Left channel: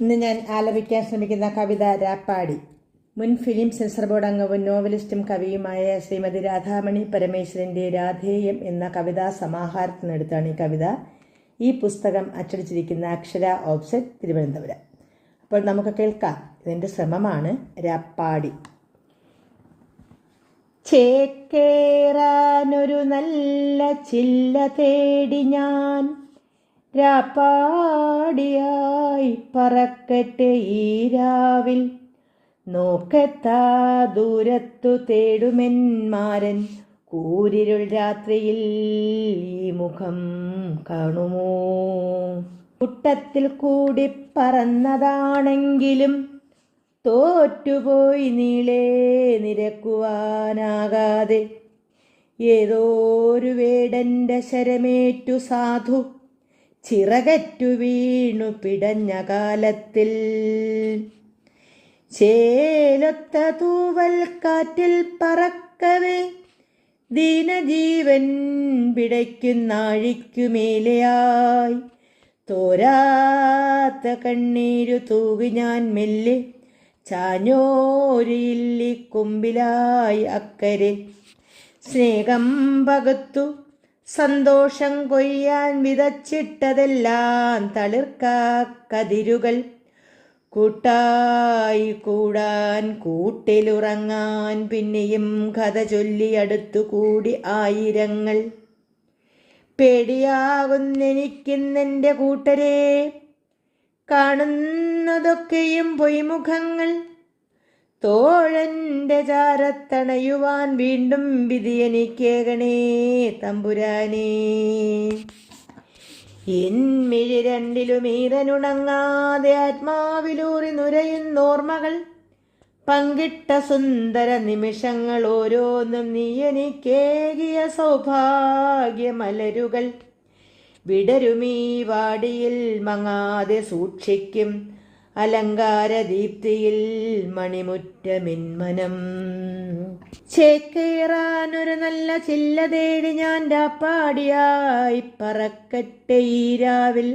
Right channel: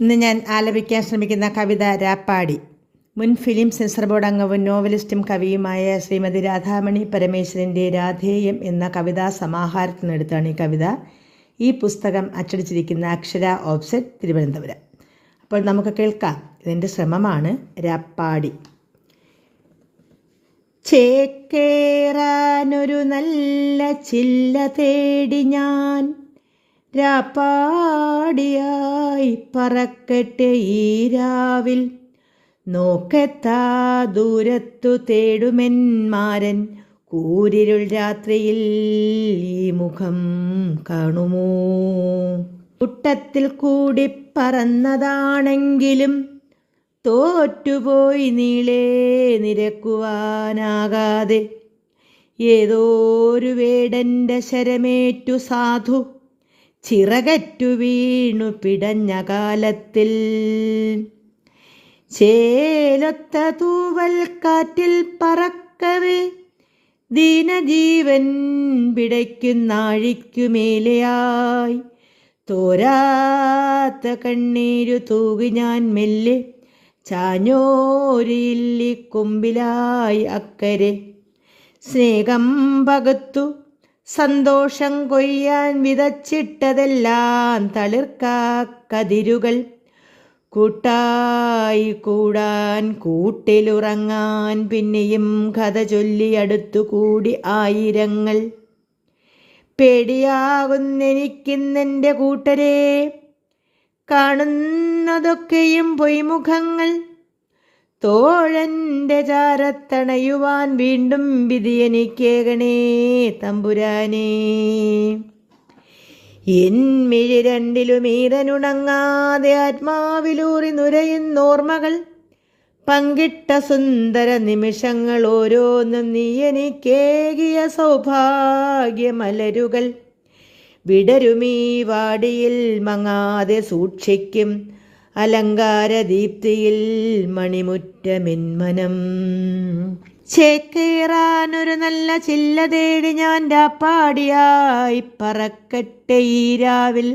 ഇന്ന് ഞാൻ ആലപിക്കാൻ ശ്രമിക്കുന്ന കവിത രാപ്പാടി. മുൻ ഫിലിം സെൻസർ ബോർഡ് അംഗവും നോവലിസ്റ്റും കവിയുമായ ശ്രീമതി രാധാമണി പരമേശ്വരന്റെ രാധേയം എന്ന കവിതാ സമാഹാരത്തിൽ നിന്നെടുത്താണ് ഈ കവിത. ഈ പുസ്തകം അച്ചടിച്ചിരിക്കുന്ന അക്ഷര ഓപ്സെറ്റ് തിരുവനന്തപുരം. അപ്പോൾ നമുക്ക് കേൾക്കാം. ഇതിന്റെ ശ്രമമാണ് രാപ്പാടി. ചേക്കേറാനൊരു നല്ല ചില്ല തേടി ഞാൻ രാപ്പാടിയായി പറക്കട്ടെ ഈ രാവിൽ. നോക്കത്താ ദൂരത്തു തേടുമെന്മാരൻ കൂരിരുൾ രാത്രിയിൽ ഈ മുഖം കാണുമോ? കുട്ടത്തിൽ കൂടി പറന്നതാണെങ്കിലും തോറ്റുപോയി നീളേ നിരക്കുവാനാകാതെ. ഏതോ ഒരു വേടന്റെ ശരമേറ്റു സാധു ചിറകറ്റു വീണു പിടഞ്ഞ കാലത്തിൽ. ചേലൊത്ത തൂവൽ കാറ്റിൽ പറക്കവേ ദീനജീവൻ പിടയ്ക്കുന്നാഴിക്കുമേലയായി തോരാത്ത കണ്ണീരു തൂകി ഞാൻ മെല്ലെ ചാഞ്ഞോരില്ലി കൊമ്പിലായി അക്കരെ. സ്നേഹം പകത്തു സന്തോഷം കൊയ്യാൻ വിതച്ചിട്ടതെല്ലാം തളിർക്കാക്കതിരുകൾ കൂട്ടായി കൂടാൻ കൂട്ടിലുറങ്ങാൻ പിന്നെയും കഥ ചൊല്ലി അടുത്തുകൂടി ആയിരങ്ങൾ. പേടിയാകുന്നെനിക്കിന്നെന്റെ കൂട്ടരെ. കാണുന്നതൊക്കെയും പൊയ്മുഖങ്ങൾ. തോഴന്റെ ചാരത്തണയുവാൻ വീണ്ടും വിധി എനിക്കേകണേ തമ്പുരാനേ. എന്മിഴി രണ്ടിലും ഈതനുണങ്ങാതെ ആത്മാവിലൂറി നുരയുന്നോർമ്മകൾ പങ്കിട്ട സുന്ദര നിമിഷങ്ങൾ ഓരോന്നും നീ എനിക്കേകിയ സൗഭാഗ്യമലരുകൾ. വിടരുമീ വാടിയിൽ മങ്ങാതെ സൂക്ഷിക്കും അലങ്കാരദീപ്തിയിൽ മണിമുറ്റമിന്മനം. ചേക്കേറാനൊരു നല്ല ചില്ല തേടി ഞാൻ രാപ്പാടിയായി പറക്കട്ടെ ഈ രാവിൽ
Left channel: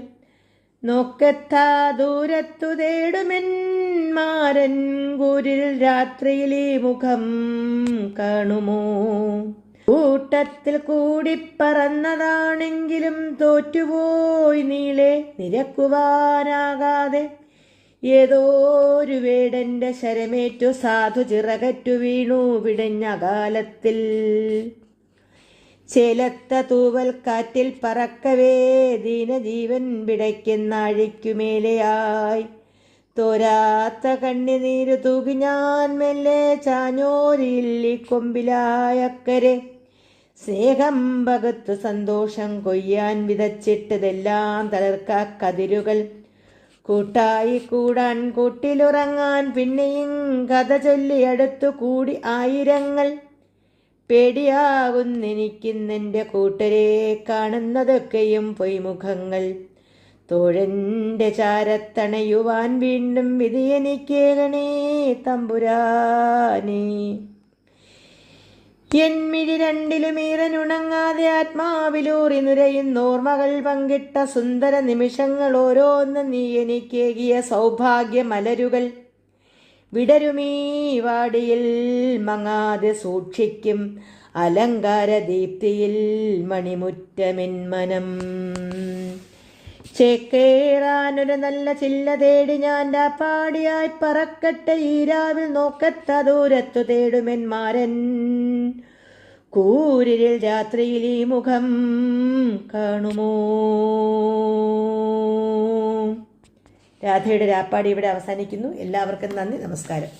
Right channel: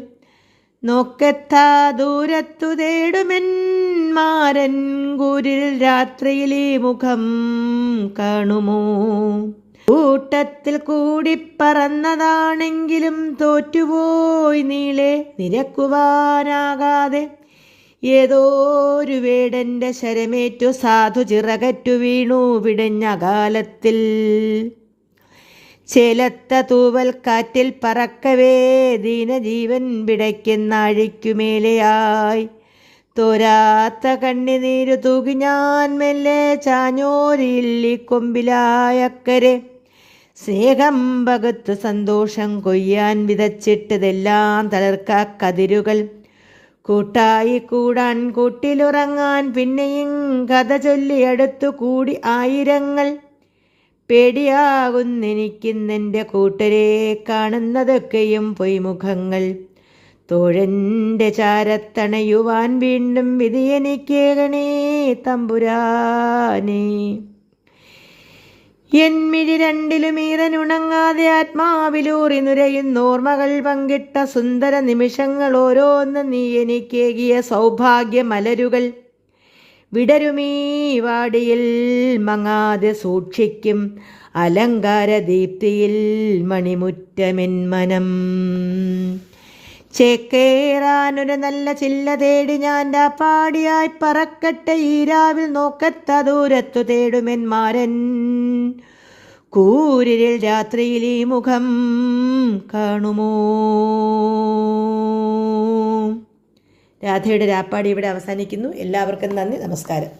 നോക്കെത്താ ദൂരത്തു തേടുമെൻ മാരൻ കൂരിൽ രാത്രിയിലെ മുഖം കാണുമോ? കൂട്ടത്തിൽ കൂടി പറന്നതാണെങ്കിലും തോറ്റുപോയി നീളെ നിരക്കുവാനാകാതെ ഏതോ ഒരു വേടന്റെ ശരമേറ്റു സാധു ചിറകറ്റു വീണു വിടഞ്ഞ കാലത്തിൽ. ചേലത്ത തൂവൽ കാറ്റിൽ പറക്കവേ ദീനജീവൻ വിടയ്ക്കുന്ന അഴിക്കുമേലെയായി തോരാത്ത കണ്ണിനീര് തൂകി ഞാൻ മെല്ലെ ചാഞ്ഞോരില്ലി കൊമ്പിലായക്കരെ സ്നേഹം പകുത്ത് സന്തോഷം കൊയ്യാൻ വിതച്ചിട്ടതെല്ലാം തളർക്കാ കതിരുകൾ. കൂട്ടായി കൂടാൻ കൂട്ടിലുറങ്ങാൻ പിന്നെയും കഥ ചൊല്ലി എടുത്തു കൂടി ആയിരങ്ങൾ. പേടിയാകുന്നെനിക്കിന്നെന്റെ കൂട്ടരെ കാണുന്നതൊക്കെയും പൊയ്മുഖങ്ങൾ. തോഴന്റെ ചാരത്തണയുവാൻ വീണ്ടും വിധിയെനിക്കേകണേ തമ്പുരാനേ. എന്മിഴി രണ്ടിലുമീറനുണങ്ങാതെ ആത്മാവിലൂറി നുരയുന്നോർമ്മകൾ പങ്കിട്ട സുന്ദര നിമിഷങ്ങൾ ഓരോന്ന് നീ എനിക്കേകിയ സൗഭാഗ്യമലരുകൾ. വിടരുമീ വാടിയിൽ മങ്ങാതെ സൂക്ഷിക്കും അലങ്കാര അലങ്കാരദീപ്തിയിൽ മണിമുറ്റമെന്മനം. ചേക്കേറാനൊരു നല്ല ചില്ല തേടി ഞാൻ പാടിയായി പറക്കട്ടെ ഈ രാവിൽ നോക്കത്ത ദൂരത്തു തേടുമെന്മാരൻ കൂരിരിൽ രാത്രിയിൽ ഈ മുഖം കാണുമോ? രാധയുടെ രാപ്പാടി ഇവിടെ അവസാനിക്കുന്നു. എല്ലാവർക്കും നന്ദി നമസ്കാരം.